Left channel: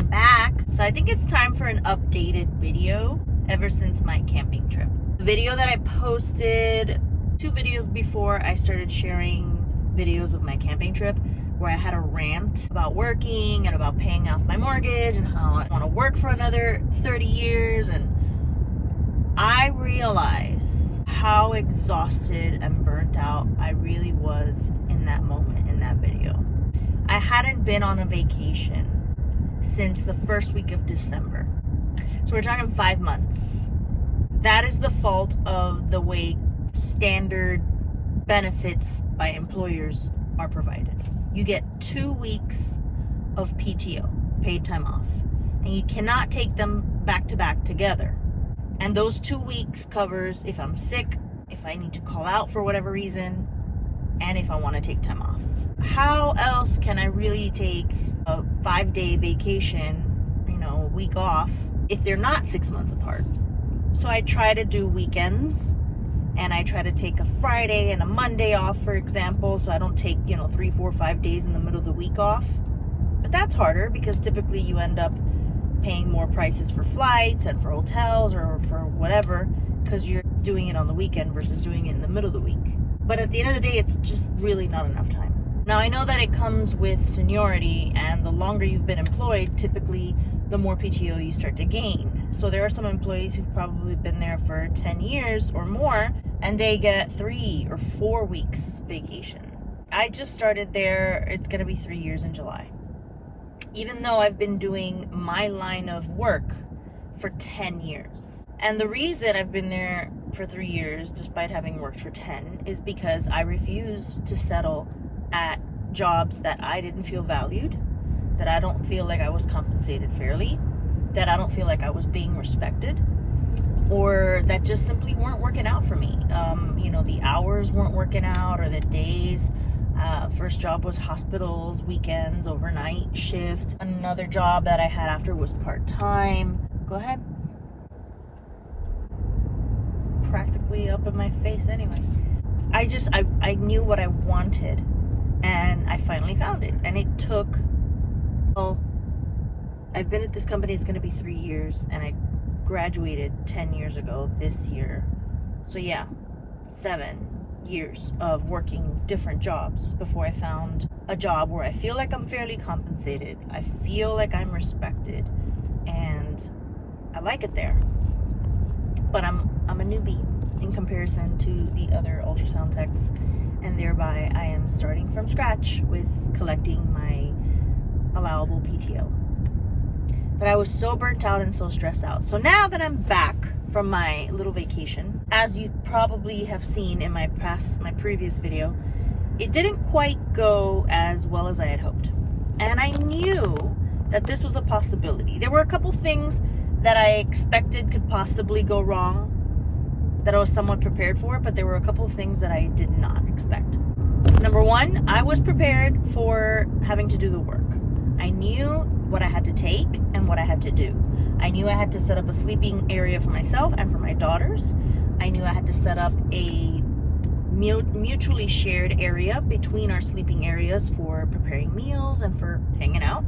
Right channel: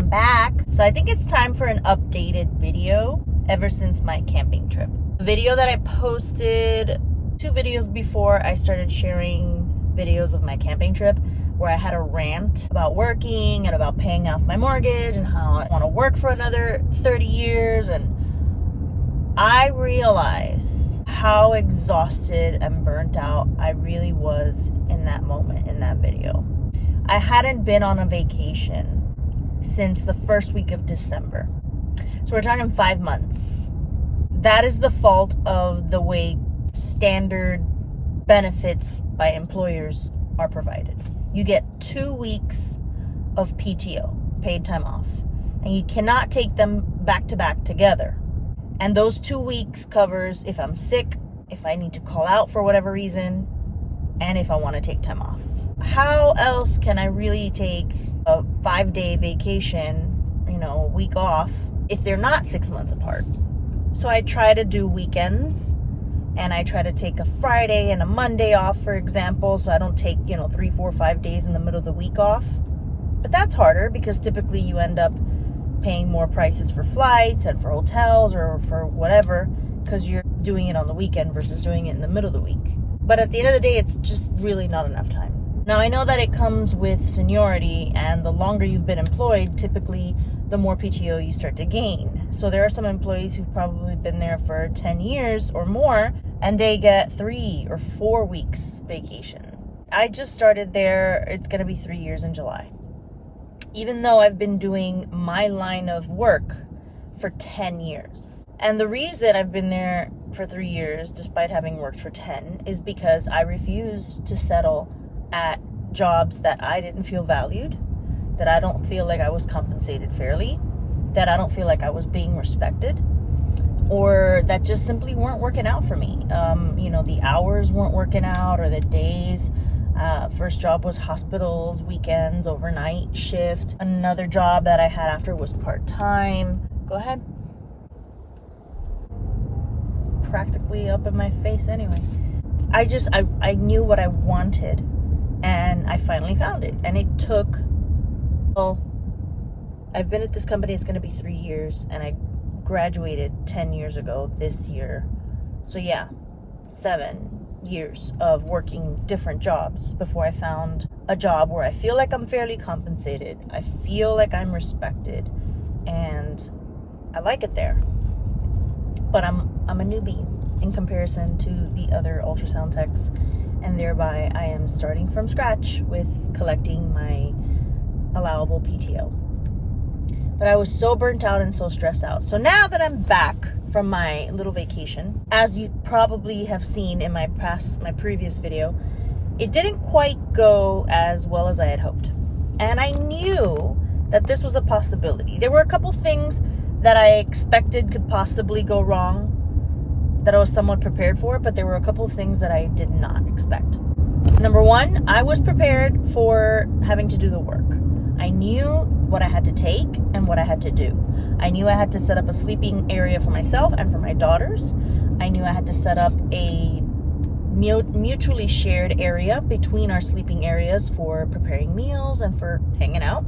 I'm back. So I think it's time for an updated video ever since my camping trip. The video that I posted 2 videos before I started sharing videos of my camping trip, where I had a rant about working and about paying off my mortgage and how I want to work for another 30 years. And I realized how exhausted and burnt out I really was in that moment, in that video. I hadn't been on a vacation since the first week of December. So we're talking 5 months. That is the fault of the way standard benefits by employers are provided. You get 2 weeks of PTO, paid time off, and you cannot take them back to back together. And those 2 weeks covers if I'm sick, if I need to call out for whatever reason, and if I want to take time off. How else can I really take a 5-day vacation, a week off, if they're not 6 months apart? So I try to do weekends, and I try to take a Friday and a Monday off, for example, so I don't take, 3, 4, 5 days in the middle of the week off. But that's harder because typically you end up paying more prices for flights and for hotels or for whatever, because you're doing it on the weekend versus doing it in the middle of the week. But at the end of the day, it's just really not enough time. Now, I know that it comes with seniority, and the longer you've been employed, typically the more PTO you start to gain. So there are some employees who've probably been there for 10 years or more, and they get 3 or 4 weeks vacation. I just started there. It's going to be 3 years in July. Even though I've been doing my line of work for 10 years. And the reason I've been there for 3 years, despite having worked for 10, is because I refused to settle at jobs that I didn't feel valued, that I don't feel like I was compensated fairly, that I don't feel like I was being respected, or that just simply weren't working out for me. The hours weren't working out, or the days. First job was hospitals, weekends, overnight shift. Another job that I had after was part-time. Go ahead. Practically up in my face anyway. I knew what I wanted, and I finally found it. And it took, I've been at this company, it's going to be 3 years, and I graduated 10 years ago this year. So yeah, 7 years of working different jobs before I found a job where I feel like I'm fairly compensated. I feel like I'm respected, and I like it there. But I'm a newbie in comparison to the other ultrasound techs, and thereby I am starting from scratch with collecting my allowable PTO. But I was so burnt out and so stressed out. So now that I'm back from my little vacation, as you probably have seen in my previous video, it didn't quite go as well as I had hoped. And I knew that this was a possibility. There were a couple things that I expected could possibly go wrong that I was somewhat prepared for, but there were a couple of things that I did not expect. Number one, I was prepared for having to do the work. I knew what I had to take and what I had to do. I knew I had to set up a sleeping area for myself and for my daughters. I knew I had to set up a mutually shared area between our sleeping areas for preparing meals and for hanging out.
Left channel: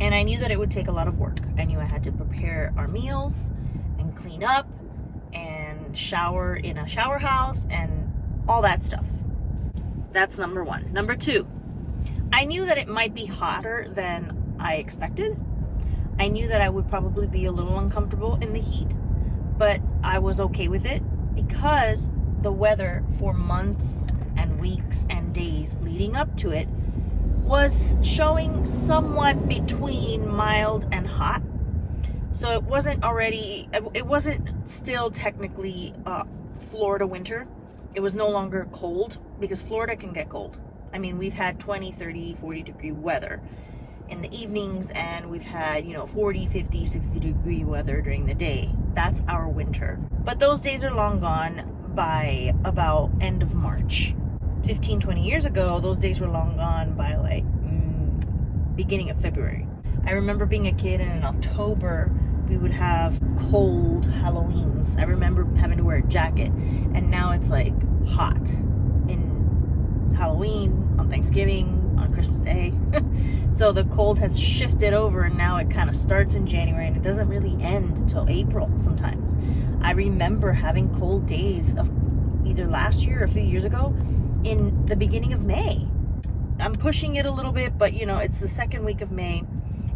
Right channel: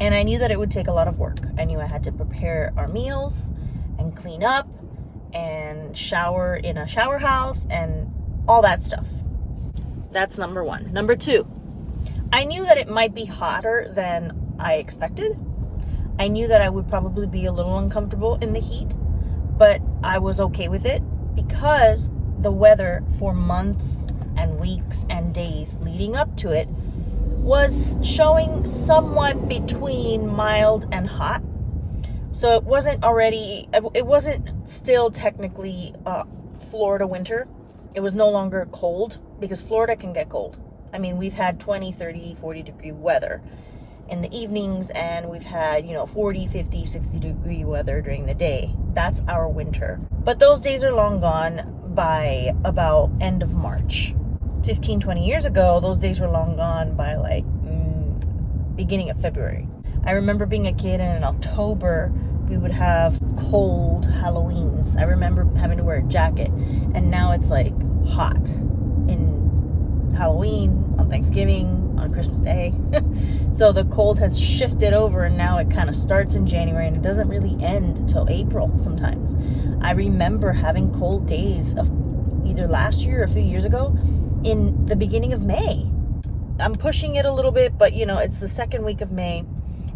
And I knew that it would take a lot of work. I knew I had to prepare our meals and clean up and shower in a shower house and all that stuff. That's number one. Number two, I knew that it might be hotter than I expected. I knew that I would probably be a little uncomfortable in the heat, but I was okay with it because the weather for months and weeks and days leading up to it was showing somewhat between mild and hot. So it wasn't still technically Florida winter. It was no longer cold, because Florida can get cold. I mean, we've had 20, 30, 40 degree weather in the evenings, and we've had, 40, 50, 60 degree weather during the day. That's our winter. But those days are long gone by about end of March. 15, 20 years ago, those days were long gone by beginning of February. I remember being a kid, and in October, we would have cold Halloweens. I remember having to wear a jacket, and now it's like hot in Halloween, on Thanksgiving, on Christmas Day. So the cold has shifted over, and now it kind of starts in January and it doesn't really end until April sometimes. I remember having cold days of either last year or a few years ago in the beginning of May. I'm pushing it a little bit, but it's the second week of May,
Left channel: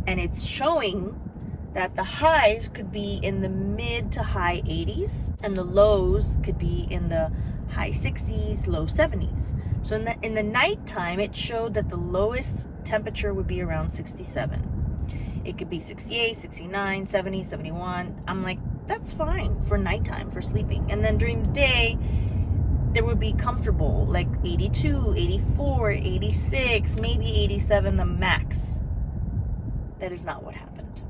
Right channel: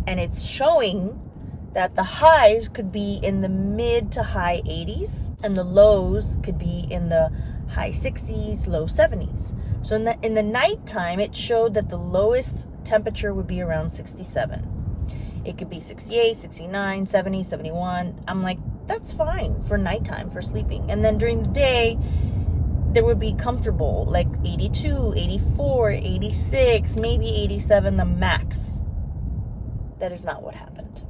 and it's showing that the highs could be in the mid to high 80s and the lows could be in the high 60s, low 70s. So in the nighttime, it showed that the lowest temperature would be around 67. It could be 68, 69, 70, 71. I'm like, that's fine for nighttime, for sleeping. And then during the day, there would be comfortable, like 82, 84, 86, maybe 87, the max. That is not what happened.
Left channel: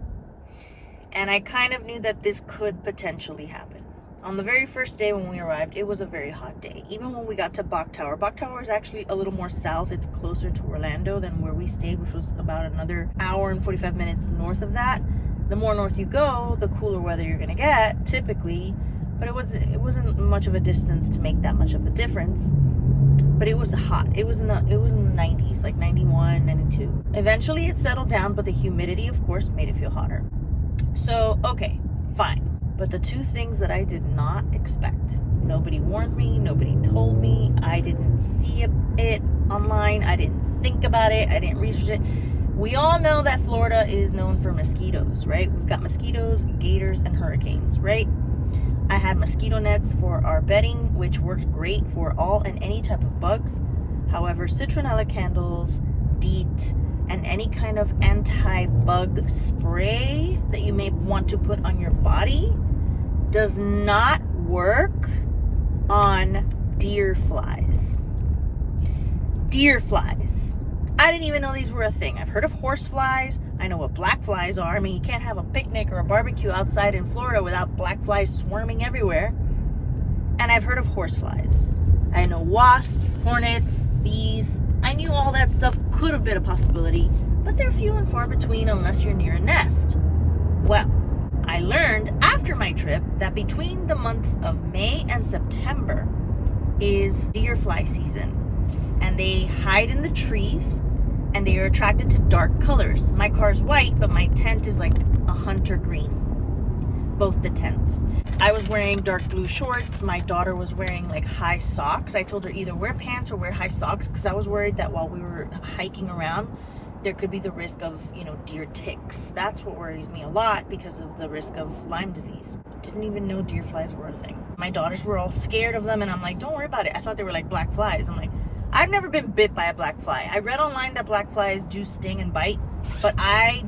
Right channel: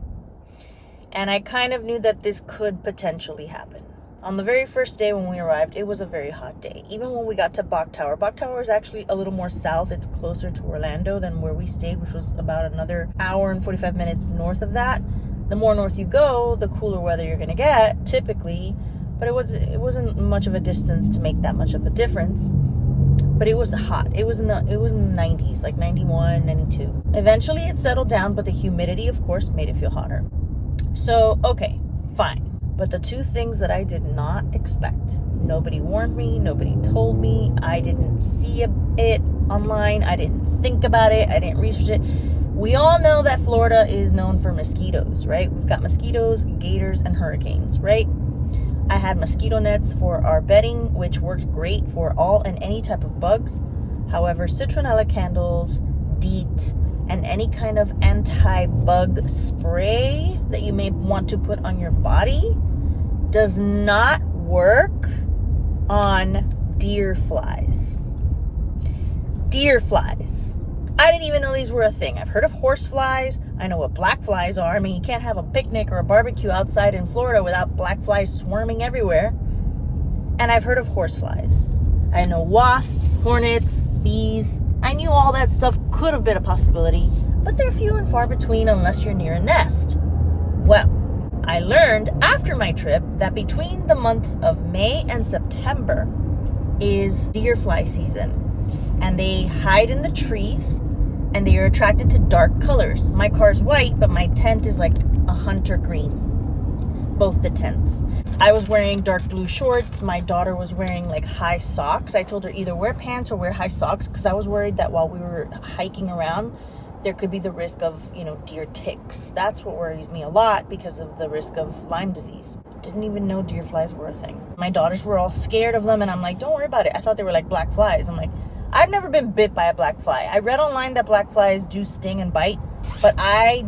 And I kind of knew that this could potentially happen. On the very first day when we arrived, it was a very hot day. Even when we got to Bok Tower. Bok Tower is actually a little more south. It's closer to Orlando than where we stayed, which was about another hour and 45 minutes north of that. The more north you go, the cooler weather you're going to get, typically. But it wasn't much of a distance to make that much of a difference. But it was hot. It was in the 90s, like 91, 92. Eventually it settled down, but the humidity, of course, made it feel hotter. So, okay, fine. But the two things that I did not expect, nobody warned me, nobody told me, I didn't see it online, I didn't think about it, I didn't research it. We all know that Florida is known for mosquitoes, right? We've got mosquitoes, gators, and hurricanes, right? I had mosquito nets for our bedding, which worked great for all and any type of bugs. However, citronella candles, DEET, and any kind of anti-bug spray that you may want to put on your body does not work on deer flies. Deer flies. I didn't even know these were a thing. I've heard of horse flies. I know what black flies are. I mean, you can't have a picnic or a barbecue outside in Florida without black flies swarming everywhere. And I've heard of horse flies. I know wasps, hornets, bees. I knew all that stuff could have been a possibility, but they're few and far between unless you're near a nest. Well, I learned after my trip that between the months of May and September is deer fly season. And they hide in the trees and they are attracted to dark colors. My car's white, but my tent is like a hunter green. Both the tents. I was wearing dark blue shorts. My daughter was wearing like high socks. I told her either wear pants or wear high socks because I was worried that while we were hiking around, there could be the risk of, deer ticks. That's what worries me a lot because of the risk of Lyme disease. Didn't even know deer flies were a thing. My daughters were all scared of them and I'm like, don't worry about it. I thought they were like black flies. I'm like, I've never been bit by a black fly. I read online that black flies do sting and bite, but I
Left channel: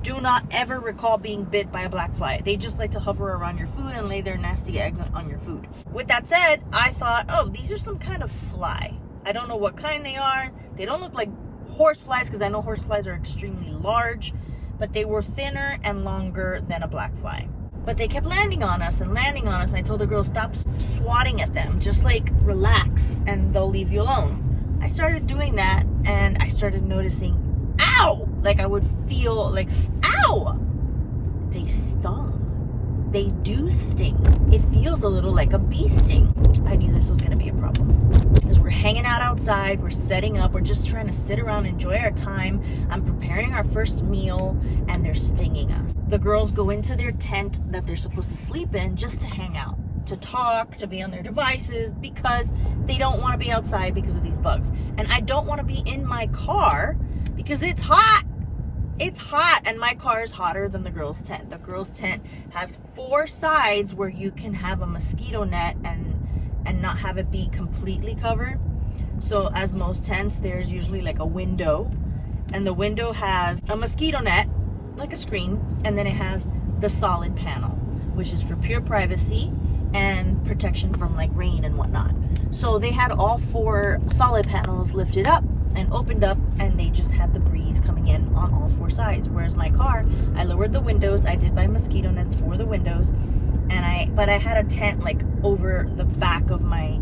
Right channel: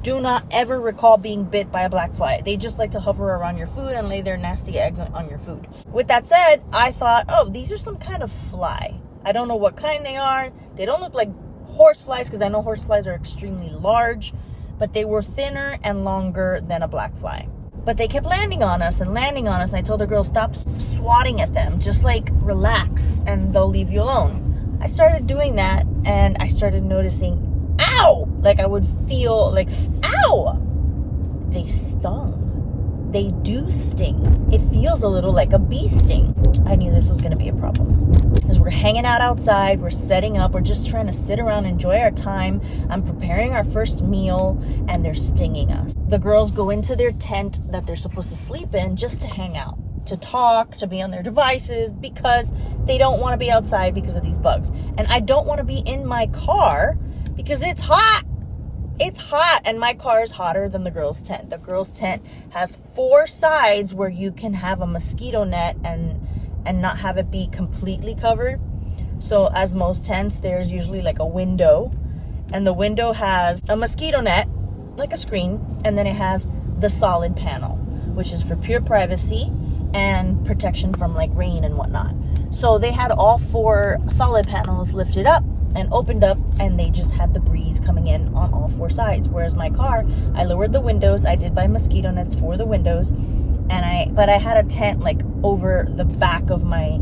do not ever recall being bit by a black fly. They just like to hover around your food and lay their nasty eggs on your food. With that said, I thought, oh, these are some kind of fly. I don't know what kind they are. They don't look like horse flies because I know horse flies are extremely large, but they were thinner and longer than a black fly. But they kept landing on us. And I told the girl, stop swatting at them. Just like relax and they'll leave you alone. I started doing that and I started noticing, ow! Like I would feel like, ow! They stung. They do sting. It feels a little like a bee sting. I knew this was going to be a problem. Because we're hanging out outside, we're setting up, we're just trying to sit around, enjoy our time. I'm preparing our first meal, and they're stinging us. The girls go into their tent that they're supposed to sleep in just to hang out, to talk, to be on their devices, because they don't want to be outside because of these bugs. And I don't want to be in my car because it's hot. It's hot, and my car is hotter than the girls' tent. The girls' tent has 4 sides where you can have a mosquito net and not have it be completely covered. So as most tents, there's usually like a window, and the window has a mosquito net, like a screen, and then it has the solid panel, which is for pure privacy and protection from like rain and whatnot. So they had all 4 solid panels lifted up and opened up, and they just had the breeze coming in on all 4 sides. Whereas my car, I lowered the windows. I did buy mosquito nets for the windows, but I had a tent like over the back of my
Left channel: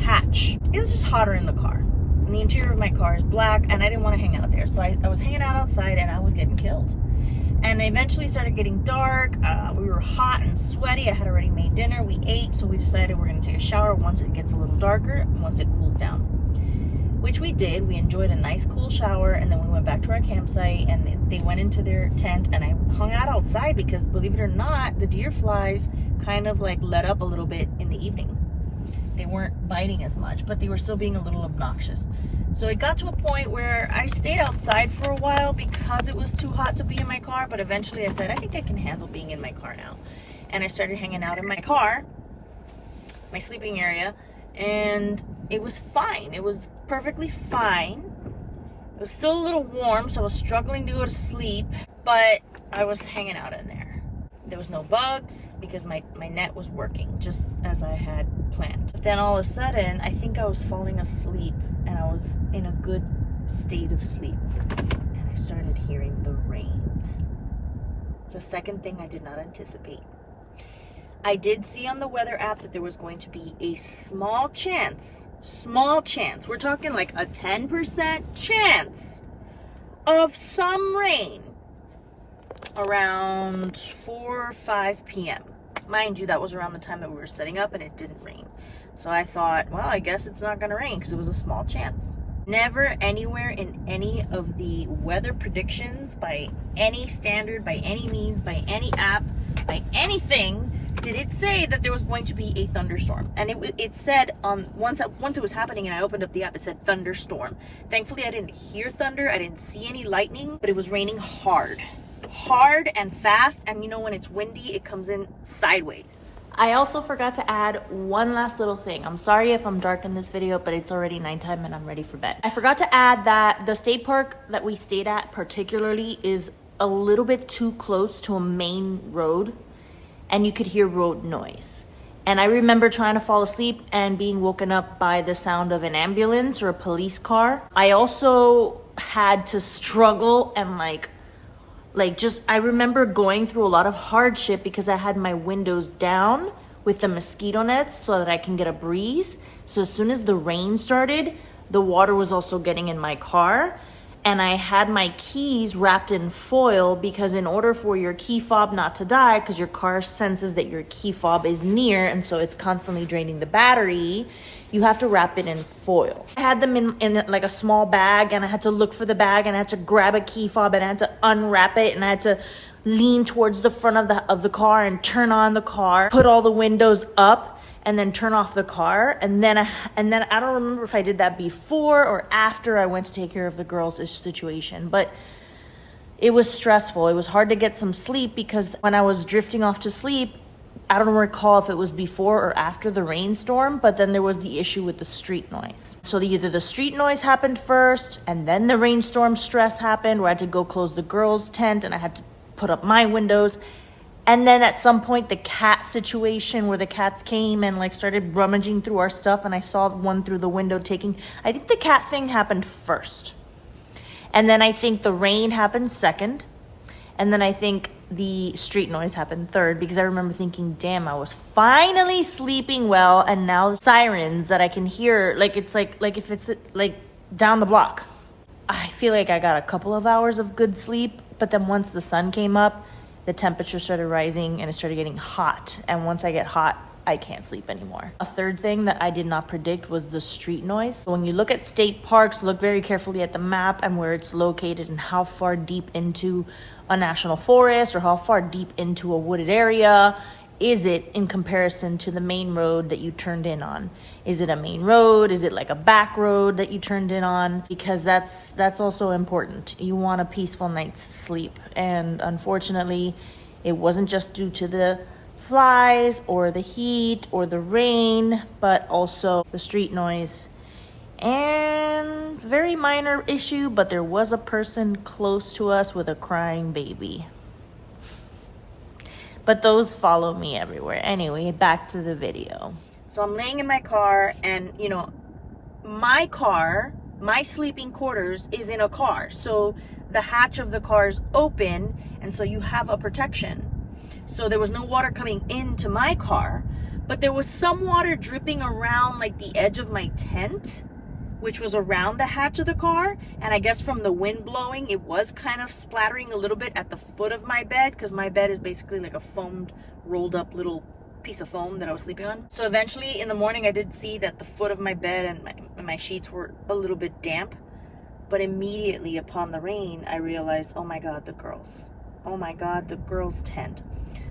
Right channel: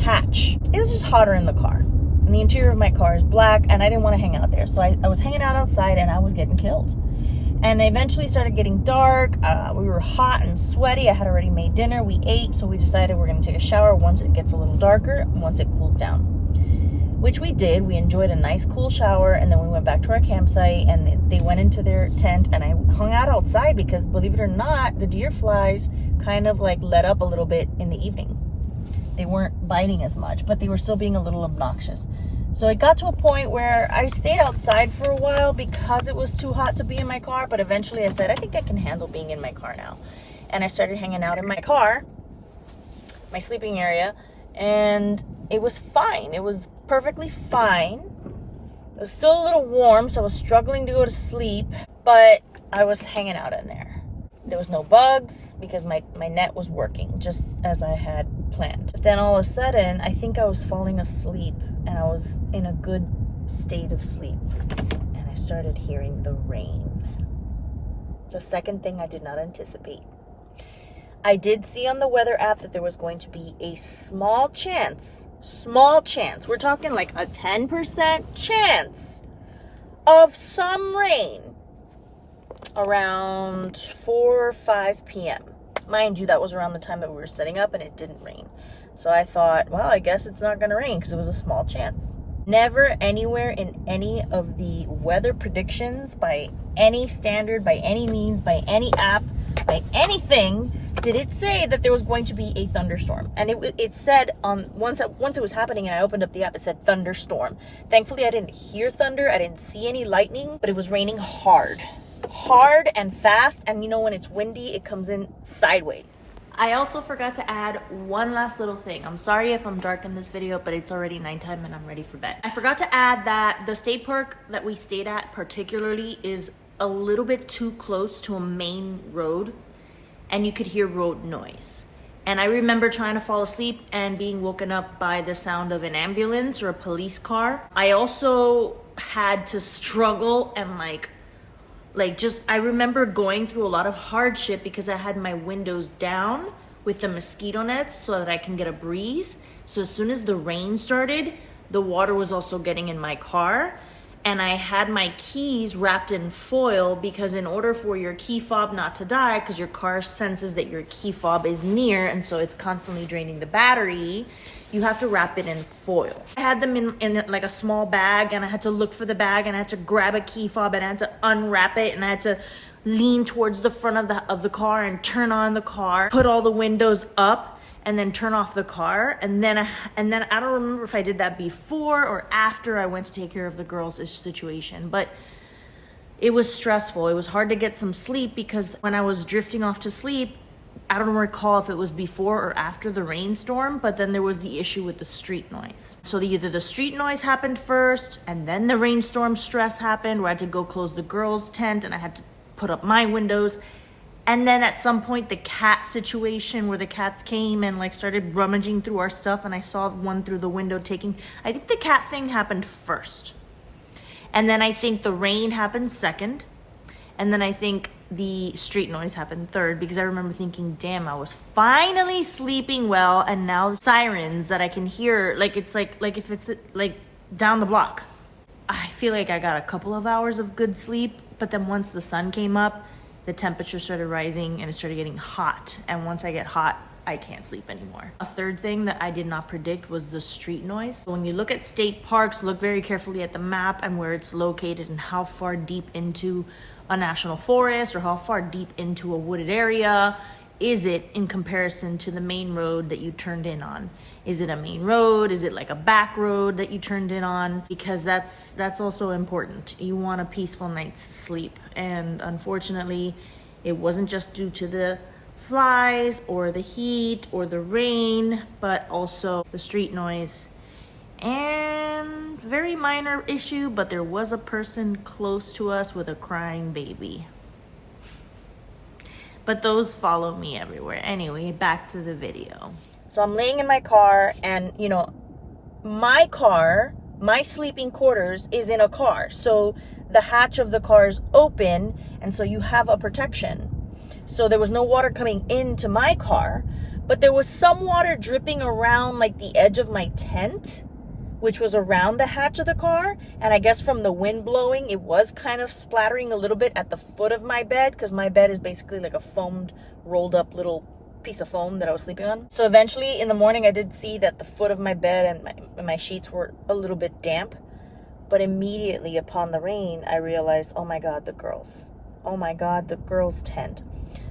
hatch. It was just hotter in the car. And the interior of my car is black, and I didn't want to hang out there. So I was hanging out outside, and I was getting killed. And they eventually started getting dark. We were hot and sweaty. I had already made dinner. We ate, so we decided we're going to take a shower once it gets a little darker, once it cools down. which we did. We enjoyed a nice cool shower, and then we went back to our campsite, and they went into their tent, and I hung out outside because, believe it or not, the deer flies kind of like let up a little bit in the evening. They weren't biting as much, but they were still being a little obnoxious. So it got to a point where I stayed outside for a while because it was too hot to be in my car, but eventually I said, I think I can handle being in my car now. And I started hanging out in my car, my sleeping area, and it was fine. It was perfectly fine. It was still a little warm, so I was struggling to go to sleep, but I was hanging out in there. There was no bugs because my net was working just as I had planned. But then all of a sudden, I think I was falling asleep, and I was in a good state of sleep, and I started hearing the rain. The second thing I did not anticipate. I did see on the weather app that there was going to be a small chance, we're talking like a 10% chance of some rain around 4 or 5 p.m. Mind you, that was around the time that we were setting up, and it didn't rain. So I thought, well, I guess it's not going to rain because it was a small chance. Never anywhere in any of the weather predictions, by any standard, by any means, by any app, by anything, did it say that there was going to be a thunderstorm. And it said once it was happening and I opened up the app, it said thunderstorm. Thankfully, I didn't hear thunder. I didn't see any lightning, but it was raining hard and fast. And you know, when it's windy, it comes in sideways. I also forgot to add one last little thing. I'm sorry if I'm dark in this video, but it's already nighttime and I'm ready for bed. I forgot to add that the state park that we stayed at particularly is a little bit too close to a main road, and you could hear road noise. And I remember trying to fall asleep and being woken up by the sound of an ambulance or a police car. I also had to struggle and I remember going through a lot of hardship because I had my windows down with the mosquito nets so that I can get a breeze. So as soon as the rain started, the water was also getting in my car. And I had my keys wrapped in foil because in order for your key fob not to die, because your car senses that your key fob is near and so it's constantly draining the battery, you have to wrap it in foil. I had them in like a small bag, and I had to look for the bag, and I had to grab a key fob, and I had to unwrap it, and I had to lean towards the front of the car and turn on the car, put all the windows up, and then turn off the car. And then I don't remember if I did that before or after I went to take care of the girls' situation, but it was stressful. It was hard to get some sleep because when I was drifting off to sleep, I don't recall if it was before or after the rainstorm, but then there was the issue with the street noise. So either the street noise happened first, and then the rainstorm stress happened where I had to go close the girls' tent and I had to put up my windows. And then at some point, the cat situation where the cats came and started rummaging through our stuff, and I saw one through the window I think the cat thing happened first. And then I think the rain happened second. And then I think the street noise happened third, because I remember thinking, damn, I was finally sleeping well, and now the sirens that I can hear, it's like if it's down the block. I feel like I got a couple of hours of good sleep, but then once the sun came up, the temperature started rising and it started getting hot. And once I get hot, I can't sleep anymore. A third thing that I did not predict was the street noise. So when you look at state parks, look very carefully at the map and where it's located and how far deep into a national forest or how far deep into a wooded area is it in comparison to the main road that you turned in on. Is it a main road? Is it like a back road that you turned in on? Because that's also important. You want a peaceful night's sleep. And unfortunately, it wasn't just due to the flies or the heat or the rain, but also the street noise. And very minor issue, but there was a person close to us with a crying baby. But those follow me everywhere. Anyway, back to the video. So I'm laying in my car, and my car, my sleeping quarters is in a car. So the hatch of the car is open, and so you have a protection. So there was no water coming into my car, but there was some water dripping around the edge of my tent, which was around the hatch of the car. And I guess from the wind blowing, it was kind of splattering a little bit at the foot of my bed, because my bed is basically like a foamed, rolled up little piece of foam that I was sleeping on. So eventually in the morning, I did see that the foot of my bed and my sheets were a little bit damp. But immediately upon the rain, I realized, oh my God, the girls. Oh my God, the girls' tent.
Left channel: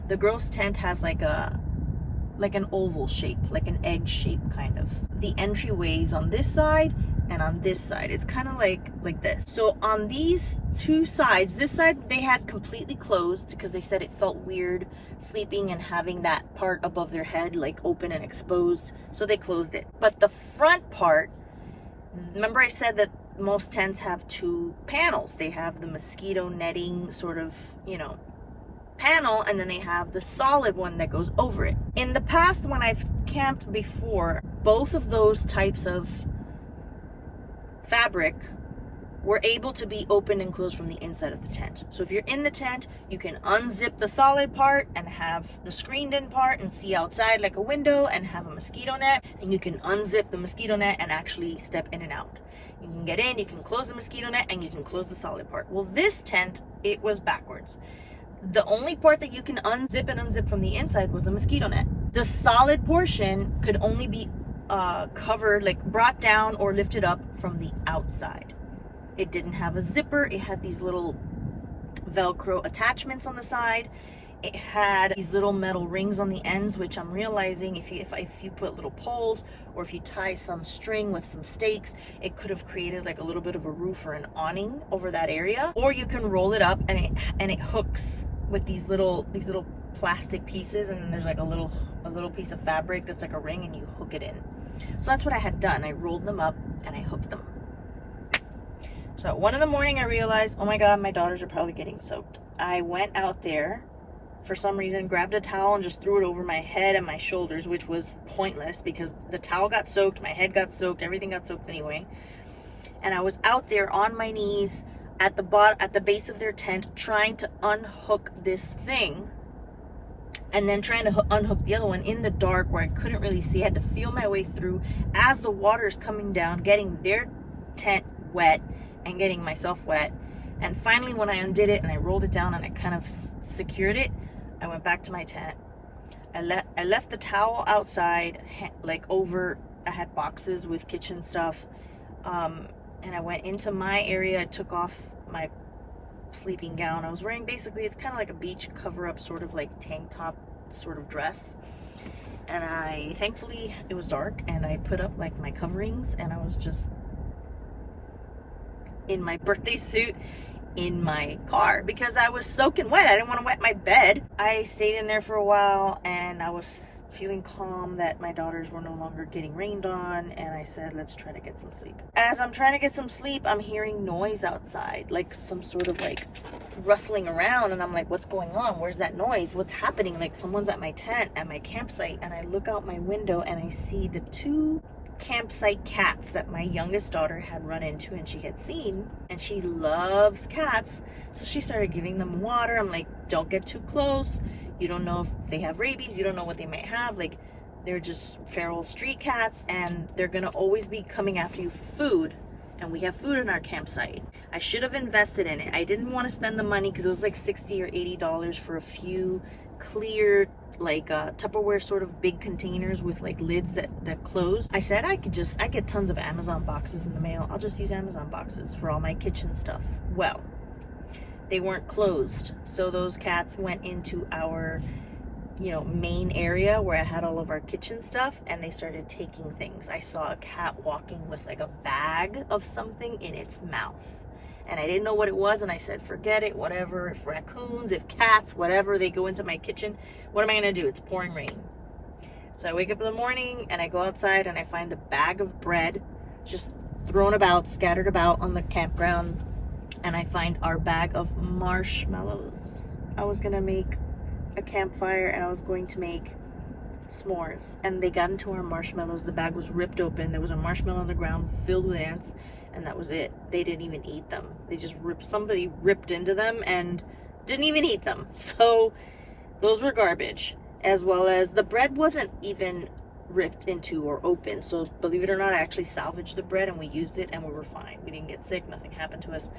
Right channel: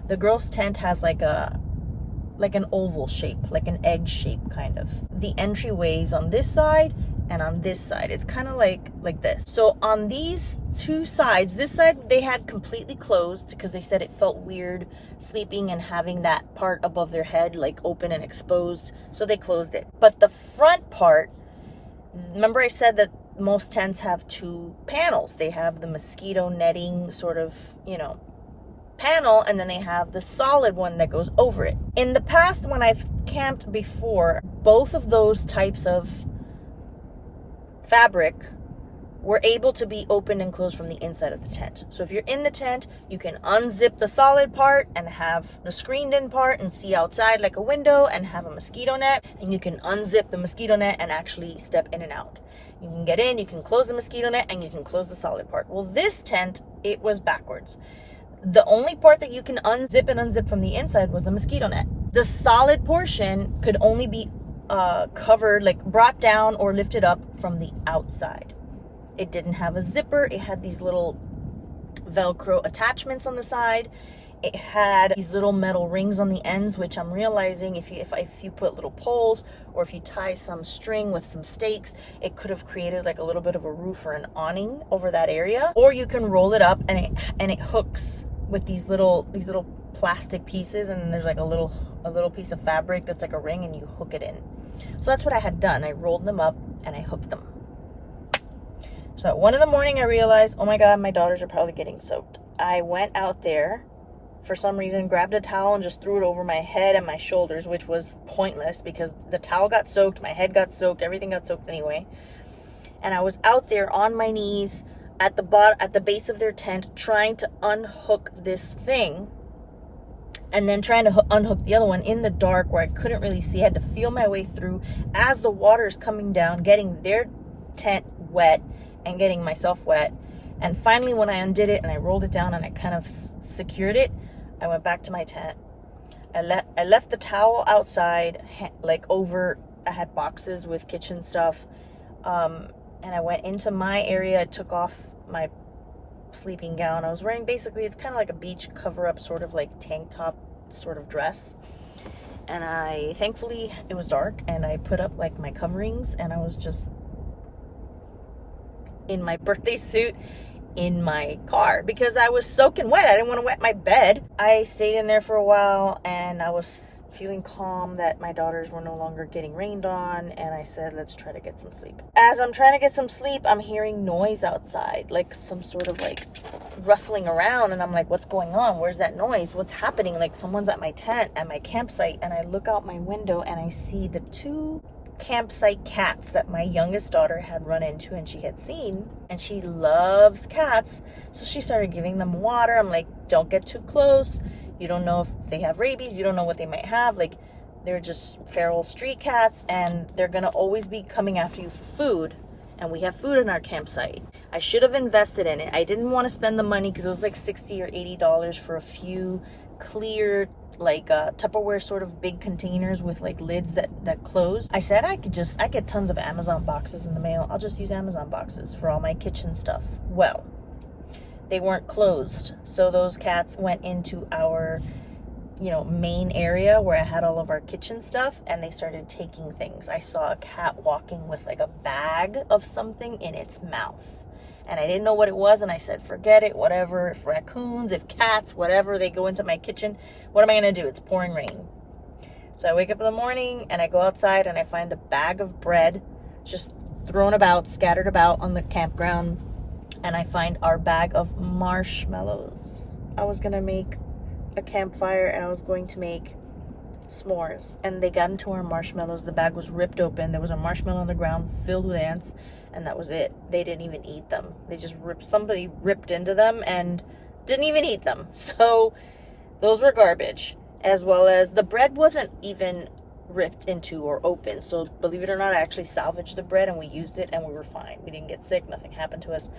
The girls' tent has like an oval shape, like an egg shape kind of. The entryways on this side and on this side. It's kind of like this. So on these two sides, this side they had completely closed because they said it felt weird sleeping and having that part above their head like open and exposed. So they closed it. But the front part, remember I said that most tents have two panels. They have the mosquito netting sort of, panel, and then they have the solid one that goes over it. In the past, when I've camped before, both of those types of fabric were able to be open and closed from the inside of the tent. So if you're in the tent, you can unzip the solid part and have the screened in part and see outside like a window and have a mosquito net, and you can unzip the mosquito net and actually step in and out. You can get in, you can close the mosquito net, and you can close the solid part. Well, this tent, it was backwards. The only part that you can unzip and unzip from the inside was the mosquito net. The solid portion could only be covered, like brought down or lifted up from the outside. It didn't have a zipper. It had these little Velcro attachments on the side. It had these little metal rings on the ends, which I'm realizing if you put little poles or if you tie some string with some stakes, it could have created like a little bit of a roof or an awning over that area. Or you can roll it up and it hooks with these little plastic pieces, and then there's like a little piece of fabric that's like a ring, and you hook it in. So that's what I had done. I rolled them up and I hooked them. So at 1 a.m, I realized, oh my God, my daughters are probably getting soaked. I went out there for some reason, grabbed a towel and just threw it over my head and my shoulders, which was pointless because the towel got soaked, my head got soaked, everything got soaked anyway. And I was out there on my knees at the base of their tent trying to unhook this thing, and then trying to unhook the other one in the dark where I couldn't really see. I had to feel my way through as the water is coming down, getting their tent wet and getting myself wet. And finally, when I undid it and I rolled it down and I kind of secured it, I went back to my tent. I left the towel outside, like over, I had boxes with kitchen stuff. And I went into my area. I took off my sleeping gown. I was wearing basically, it's kind of like a beach cover up, sort of like tank top sort of dress. And thankfully it was dark, and I put up like my coverings, and I was just in my birthday suit in my car because I was soaking wet. I didn't want to wet my bed. I stayed in there for a while, and I was feeling calm that my daughters were no longer getting rained on, and I said, let's try to get some sleep. As I'm trying to get some sleep, I'm hearing noise outside, like some sort of like rustling around, and I'm like, what's going on? Where's that noise? What's happening? Like someone's at my tent, at my campsite. And I look out my window and I see the two campsite cats that my youngest daughter had run into and she had seen, and she loves cats, so she started giving them water. I'm like, don't get too close. You don't know if they have rabies. You don't know what they might have. Like, they're just feral street cats, and they're gonna always be coming after you for food, and we have food in our campsite. I should have invested in it. I didn't want to spend the money because it was like $60 or $80 for a few clear, like Tupperware sort of big containers with like lids that close. I said I get tons of Amazon boxes in the mail. I'll just use Amazon boxes for all my kitchen stuff. Well, they weren't closed, so those cats went into our main area where I had all of our kitchen stuff, and they started taking things. I saw a cat walking with like a bag of something in its mouth, and I didn't know what it was, and I said, forget it, whatever. If raccoons, if cats, whatever, they go into my kitchen, what am I gonna do? It's pouring rain. So I wake up in the morning and I go outside and I find a bag of bread just thrown about, scattered about on the campground, and I find our bag of marshmallows. I was gonna make a campfire and I was going to make s'mores, and they got into our marshmallows. The bag was ripped open. There was a marshmallow on the ground filled with ants, and that was it. They didn't even eat them. They just somebody ripped into them and didn't even eat them. So those were garbage, as well as the bread wasn't even ripped into or open. So believe it or not, I actually salvaged the bread and we used it and we were fine. We didn't get sick. Nothing happened to us.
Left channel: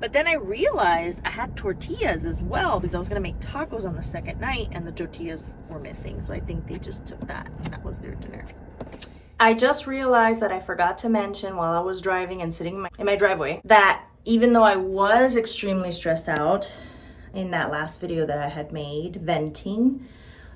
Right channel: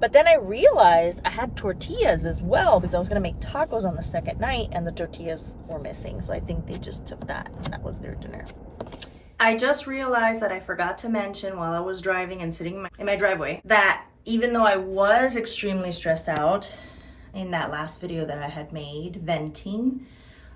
But then I realized I had tortillas as well because I was going to make tacos on the second night and the tortillas were missing. So I think they just took that and that was their dinner. I just realized that I forgot to mention while I was driving and sitting in my driveway that even though I was extremely stressed out in that last video that I had made, venting,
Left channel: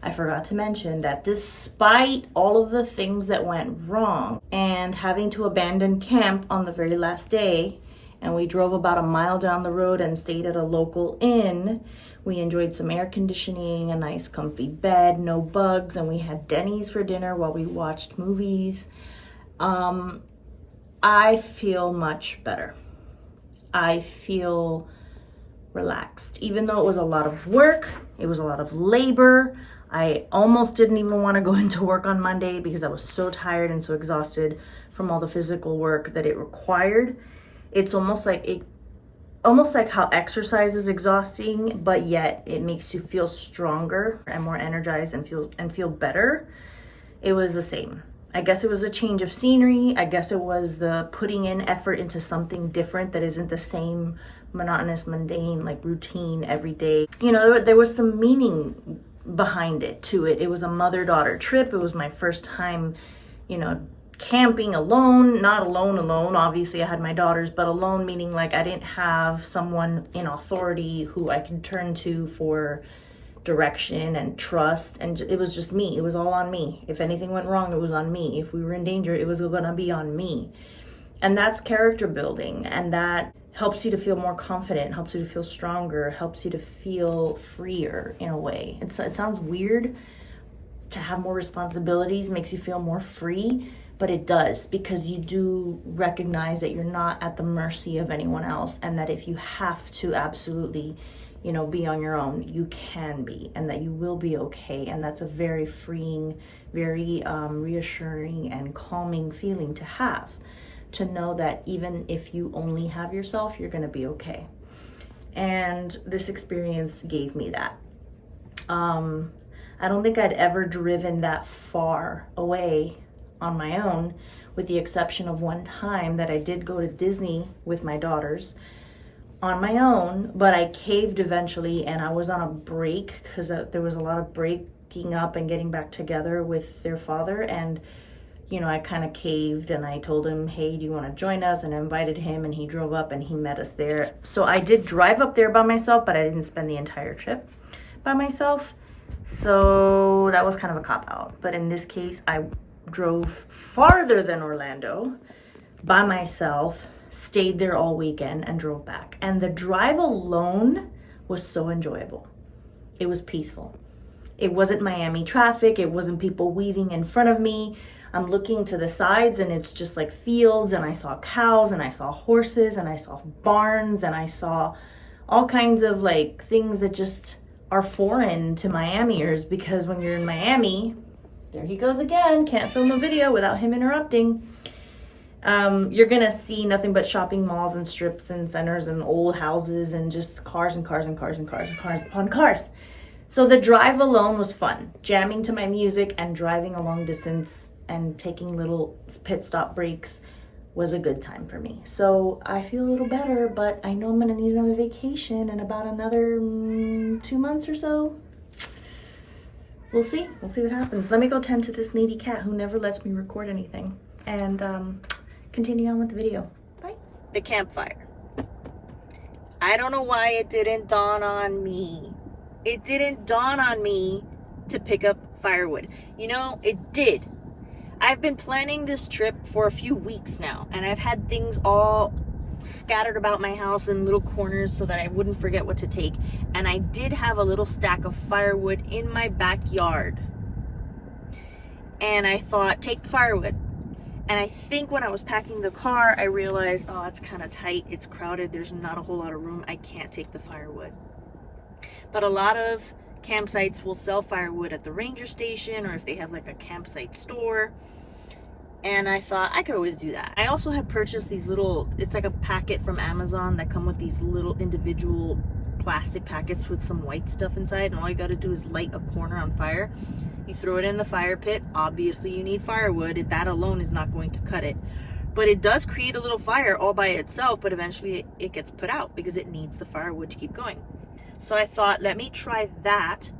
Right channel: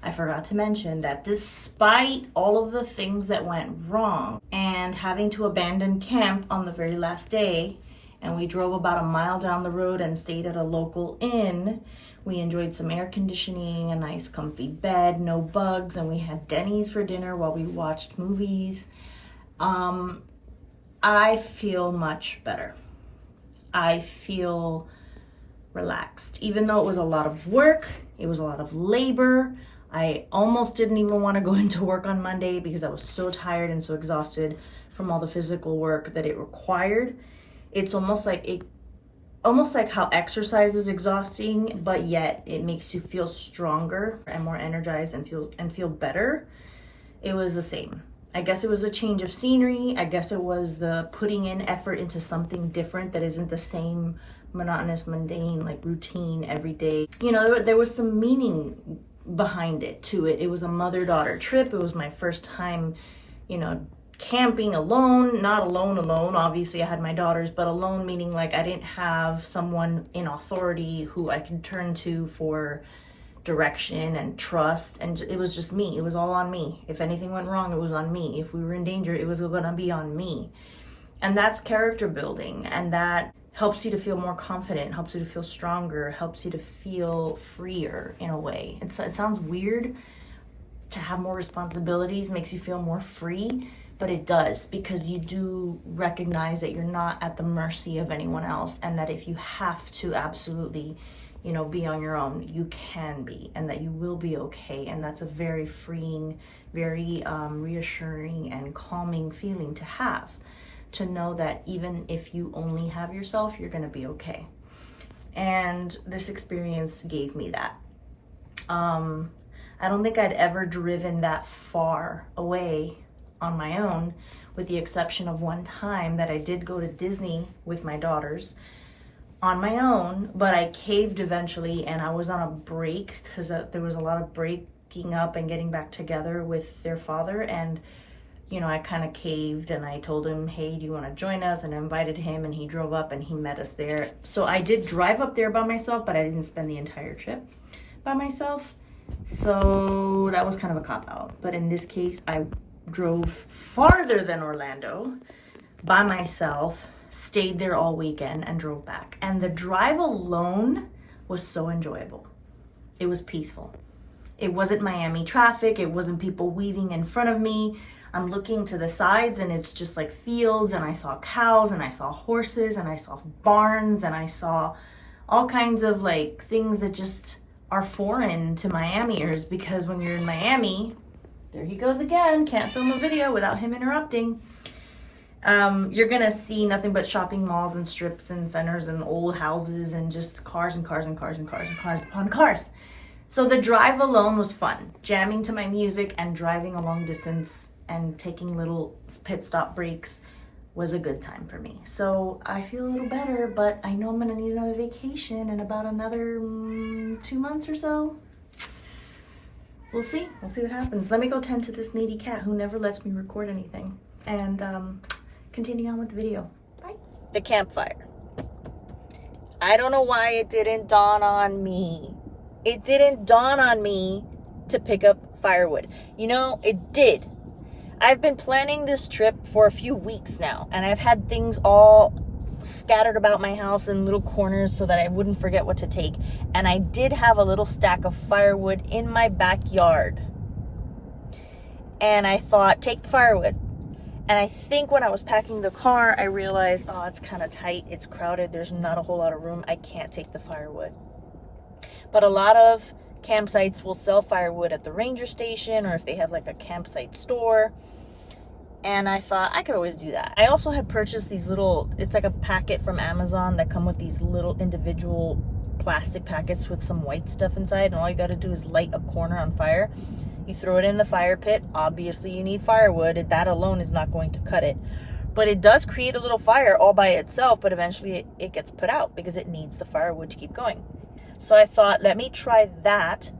I forgot to mention that despite all of the things that went wrong and having to abandon camp on the very last day, and we drove about a mile down the road and stayed at a local inn, we enjoyed some air conditioning, a nice comfy bed, no bugs, and we had Denny's for dinner while we watched movies. I feel much better. I feel relaxed. Even though it was a lot of work, it was a lot of labor. I almost didn't even want to go into work on Monday because I was so tired and so exhausted from all the physical work that it required. It's almost like how exercise is exhausting, but yet it makes you feel stronger and more energized and feel better. It was the same. I guess it was a change of scenery. I guess it was the putting in effort into something different that isn't the same monotonous, mundane, like routine every day. You know, there was some meaning behind it to it. It was a mother-daughter trip. It was my first time, you know, camping alone, not alone, obviously I had my daughters, but alone meaning like I didn't have someone in authority who I could turn to for direction and trust, and it was just me. It was all on me. If anything went wrong, it was on me. If we were in danger, it was gonna be on me. And that's character building, and that helps you to feel more confident, helps you to feel stronger, helps you to feel freer in a way. It sounds weird to have more responsibilities, makes you feel more free, but it does, because you do recognize that you're not at the mercy of anyone else, and that if you have to absolutely, you know, be on your own, you can be, and that you will be okay. And that's a very freeing, very reassuring and calming feeling to have, to know that even if you only have yourself, you're gonna be okay. And this experience gave me that. I don't think I'd ever driven that far away on my own, with the exception of one time that I did go to Disney with my daughters on my own, but I caved eventually, and I was on a break because there was a lot of breaking up and getting back together with their father, and you know, I kind of caved and I told him, hey, do you want to join us? And I invited him, and he drove up and he met us there. So I did drive up there by myself, but I didn't spend the entire trip by myself. So that was kind of a cop-out. But in this case, I drove farther than Orlando by myself, stayed there all weekend, and drove back. And the drive alone was so enjoyable. It was peaceful. It wasn't Miami traffic. It wasn't people weaving in front of me. I'm looking to the sides and it's just like fields, and I saw cows and I saw horses and I saw barns and I saw all kinds of like things that just are foreign to Miamiers, because when you're in Miami, there he goes again, can't film a video without him interrupting. You're gonna see nothing but shopping malls and strips and centers and old houses and just cars and cars and cars and cars and cars upon cars. So the drive alone was fun, jamming to my music and driving a long distance and taking little pit stop breaks was a good time for me. So I feel a little better, but I know I'm gonna need another vacation in about another 2 months or so. We'll see what happens. Let me go tend to this needy cat who never lets me record anything, and continue on with the video. Bye. The campfire. I don't know why it didn't dawn on me. It didn't dawn on me to pick up firewood. You know, it did. I've been planning this trip for a few weeks now, and I've had things all scattered about my house in little corners so that I wouldn't forget what to take. And I did have a little stack of firewood in my backyard. And I thought, take the firewood. And I think when I was packing the car, I realized, oh, it's kind of tight. It's crowded. There's not a whole lot of room. I can't take the firewood. But a lot of campsites will sell firewood at the ranger station, or if they have like a campsite store. And I thought I could always do that. I also had purchased these little, it's like a packet from Amazon that come with these little individual plastic packets with some white stuff inside, and all you got to do is light a corner on fire. You throw it in the fire pit. Obviously you need firewood. That alone is not going to cut it. But it does create a little fire all by itself, but eventually it gets put out because it needs the firewood to keep going. So I thought, let me try that.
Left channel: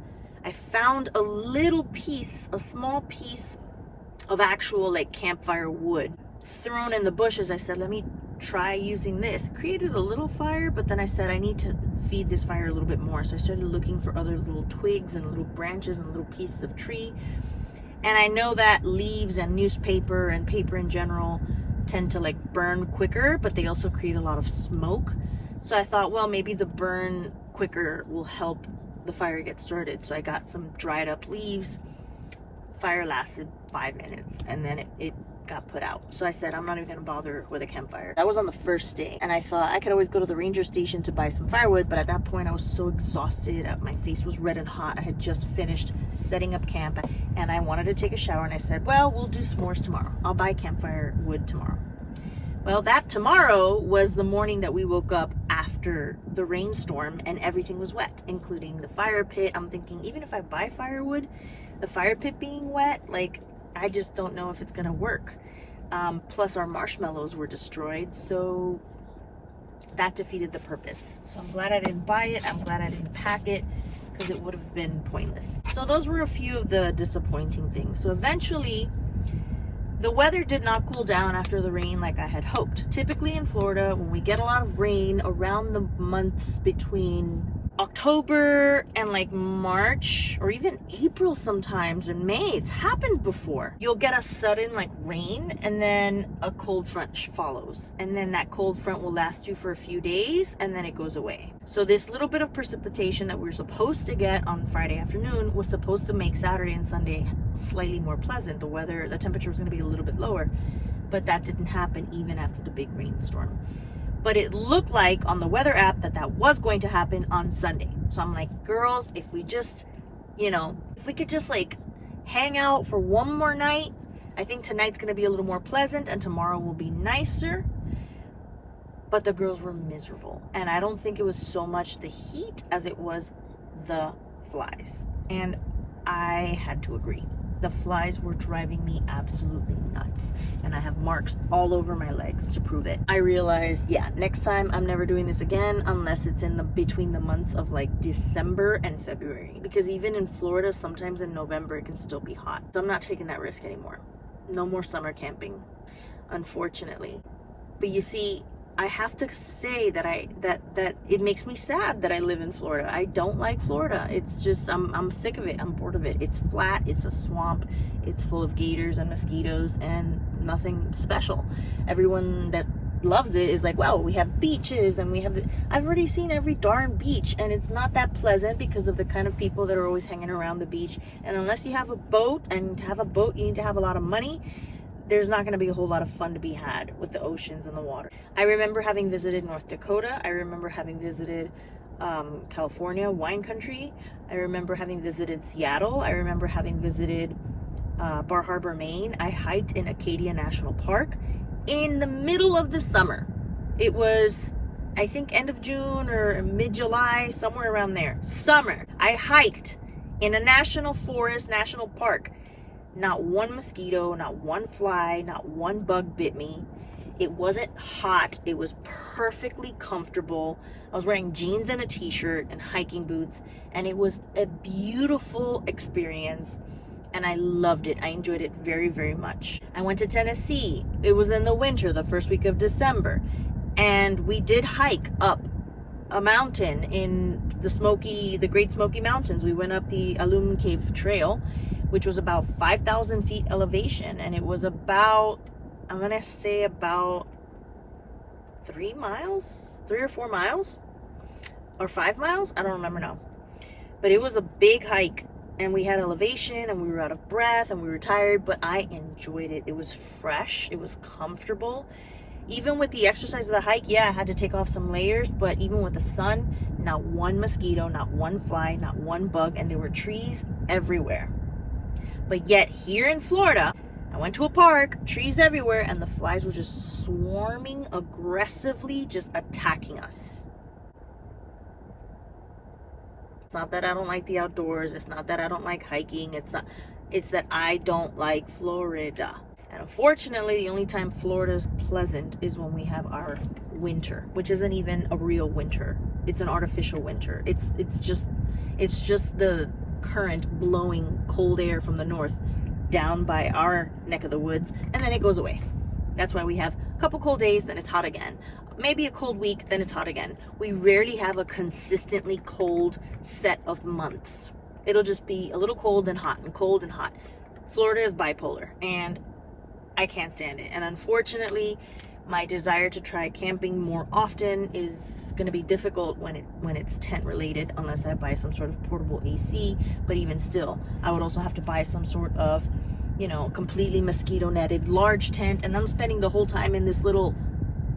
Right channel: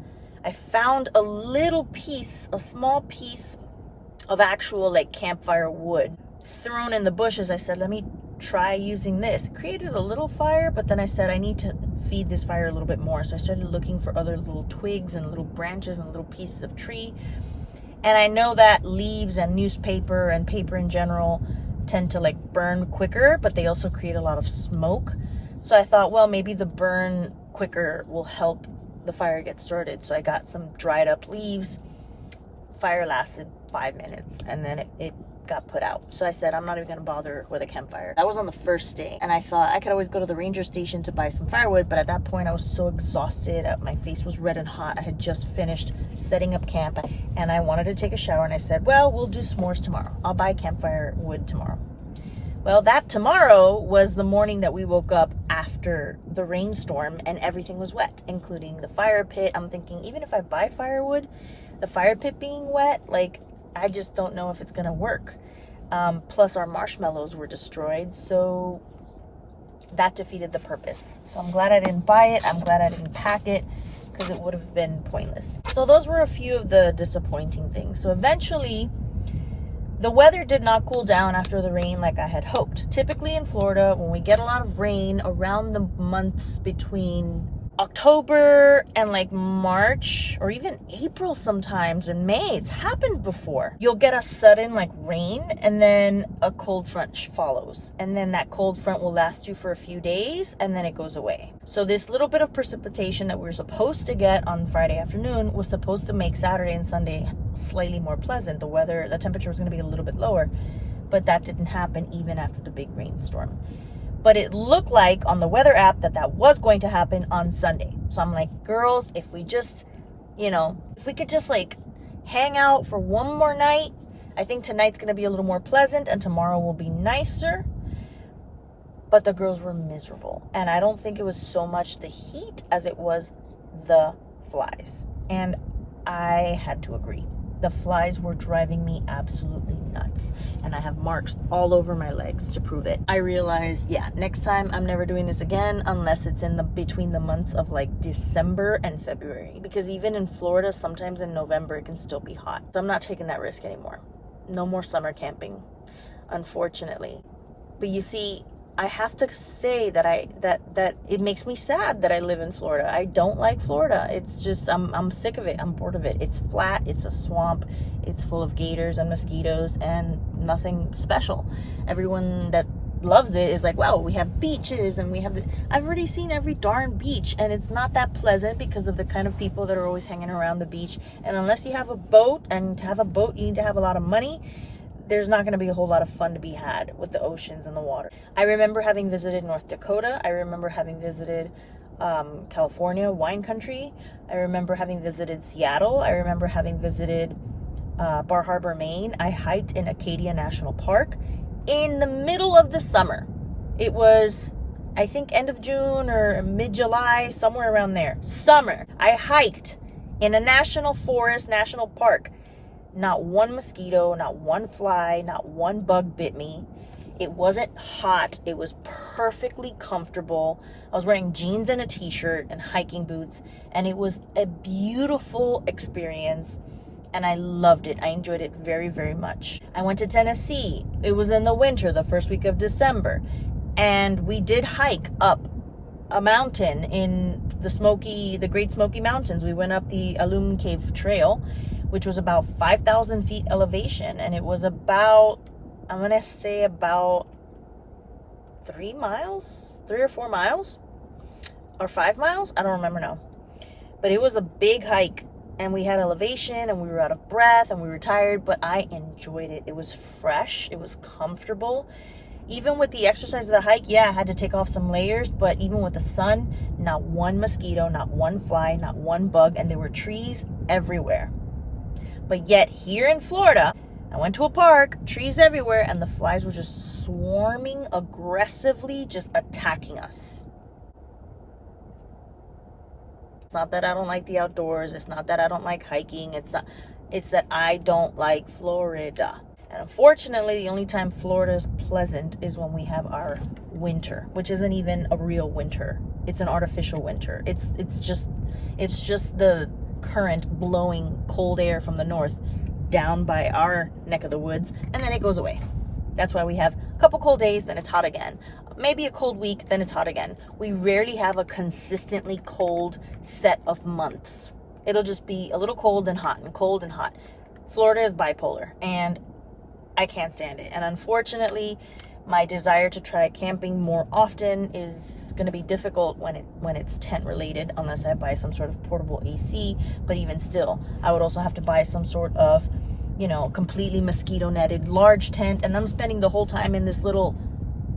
I found a little piece, a small piece of actual like campfire wood thrown in the bushes. I said, let me try using this. It created a little fire, but then I said, I need to feed this fire a little bit more. So I started looking for other little twigs and little branches and little pieces of tree. And I know that leaves and newspaper and paper in general tend to like burn quicker, but they also create a lot of smoke. So I thought, well, maybe the burn quicker will help the fire get started. So I got some dried up leaves. Fire lasted 5 minutes and then it got put out. So I said, I'm not even gonna bother with a campfire. That was on the first day, and I thought I could always go to the ranger station to buy some firewood, but at that point I was so exhausted. My face was red and hot. I had just finished setting up camp and I wanted to take a shower, and I said, well, we'll do s'mores tomorrow. I'll buy campfire wood tomorrow. Well, that tomorrow was the morning that we woke up after the rainstorm and everything was wet, including the fire pit. I'm thinking, even if I buy firewood, the fire pit being wet, like, I just don't know if it's gonna work. Plus our marshmallows were destroyed, so that defeated the purpose. So I'm glad I didn't buy it. I'm glad I didn't pack it, because it would have been pointless. So those were a few of the disappointing things. So eventually, the weather did not cool down after the rain like I had hoped. Typically in Florida, when we get a lot of rain around the months between October and like March or even April sometimes, and May, it's happened before. You'll get a sudden like rain and then a cold front follows. And then that cold front will last you for a few days and then it goes away. So this little bit of precipitation that we were supposed to get on Friday afternoon was supposed to make Saturday and Sunday slightly more pleasant. The temperature was going to be a little bit lower, but that didn't happen even after the big rainstorm. But it looked like on the weather app that was going to happen on Sunday. So I'm like, girls, if we just, if we could just like hang out for one more night, I think tonight's going to be a little more pleasant and tomorrow will be nicer. But the girls were miserable. And I don't think it was so much the heat as it was the flies. And I had to agree. The flies were driving me absolutely nuts. And I have marks all over my legs to prove it. I realized, next time I'm never doing this again unless it's between the months of like December and February. Because even in Florida, sometimes in November, it can still be hot. So I'm not taking that risk anymore. No more summer camping, unfortunately. But you see, I have to say that it makes me sad that I live in Florida. I don't like Florida. It's just, I'm sick of it. I'm bored of it. It's flat. It's a swamp. It's full of gators and mosquitoes and nothing special. Everyone that loves it is like, wow, we have beaches and I've already seen every darn beach, and it's not that pleasant because of the kind of people that are always hanging around the beach. And unless you have a boat, and to have a boat, you need to have a lot of money. There's not going to be a whole lot of fun to be had with the oceans and the water. I remember having visited North Dakota. I remember having visited California, wine country. I remember having visited Seattle. I remember having visited Bar Harbor, Maine. I hiked in Acadia National Park in the middle of the summer. It was, I think, end of June or mid-July, somewhere around there. Summer. I hiked in a national forest, national park. Not one mosquito, not one fly, not one bug bit me. It wasn't hot. It was perfectly comfortable. I was wearing jeans and a t-shirt and hiking boots, and it was a beautiful experience, and I loved it. I enjoyed it very, very much. I went to Tennessee. It was in the winter, the first week of December, and we did hike up a mountain in the Great Smoky Mountains. We went up the Alum Cave Trail, which was about 5,000 feet elevation. And it was about, I'm going to say about 3 or 4 miles, or 5 miles. I don't remember now. But it was a big hike, and we had elevation, and we were out of breath, and we were tired, but I enjoyed it. It was fresh. It was comfortable. Even with the exercise of the hike, I had to take off some layers, but even with the sun, not one mosquito, not one fly, not one bug, and there were trees everywhere. But yet here in Florida, I went to a park, trees everywhere, and the flies were just swarming aggressively, just attacking us. It's not that I don't like the outdoors. It's not that I don't like hiking. It's that I don't like Florida. And unfortunately, the only time Florida's pleasant is when we have our winter, which isn't even a real winter. It's an artificial winter. It's just the current blowing cold air from the north down by our neck of the woods, and then it goes away. That's why we have a couple cold days, then it's hot again. Maybe a cold week, then it's hot again. We rarely have a consistently cold set of months. It'll just be a little cold and hot and cold and hot. Florida is bipolar, and I can't stand it. And unfortunately, my desire to try camping more often is going to be difficult when it's tent related, unless I buy some sort of portable AC. But even still, I would also have to buy some sort of, completely mosquito netted large tent, and I'm spending the whole time in this little,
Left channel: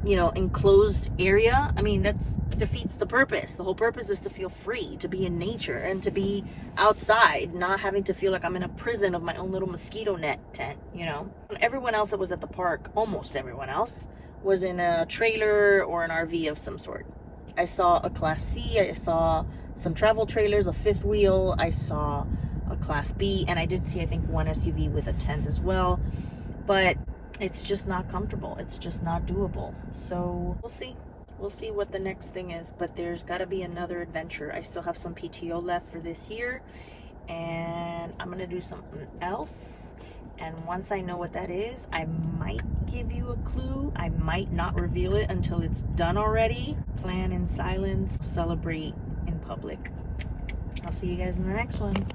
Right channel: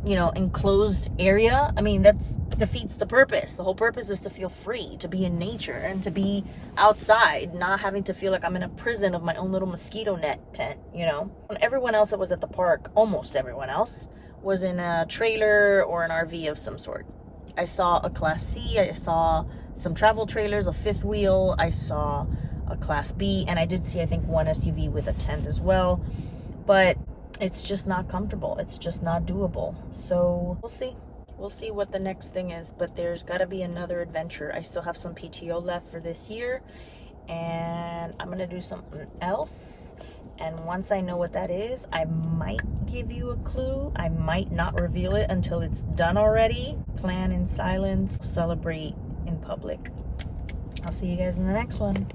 enclosed area. I mean, that defeats the purpose. The whole purpose is to feel free, to be in nature and to be outside, not having to feel like I'm in a prison of my own little mosquito net tent, And everyone else that was at the park, almost everyone else, was in a trailer or an RV of some sort. I saw a Class C, I saw some travel trailers, a fifth wheel, I saw a Class B, and I did see, I think, one SUV with a tent as well. But it's just not comfortable. It's just not doable. So we'll see. We'll see what the next thing is, but there's got to be another adventure. I still have some PTO left for this year, and I'm going to do something else. And once I know what that is, I might give you a clue. I might not reveal it until it's done already. Plan in silence, celebrate in public. I'll see you guys in the next one.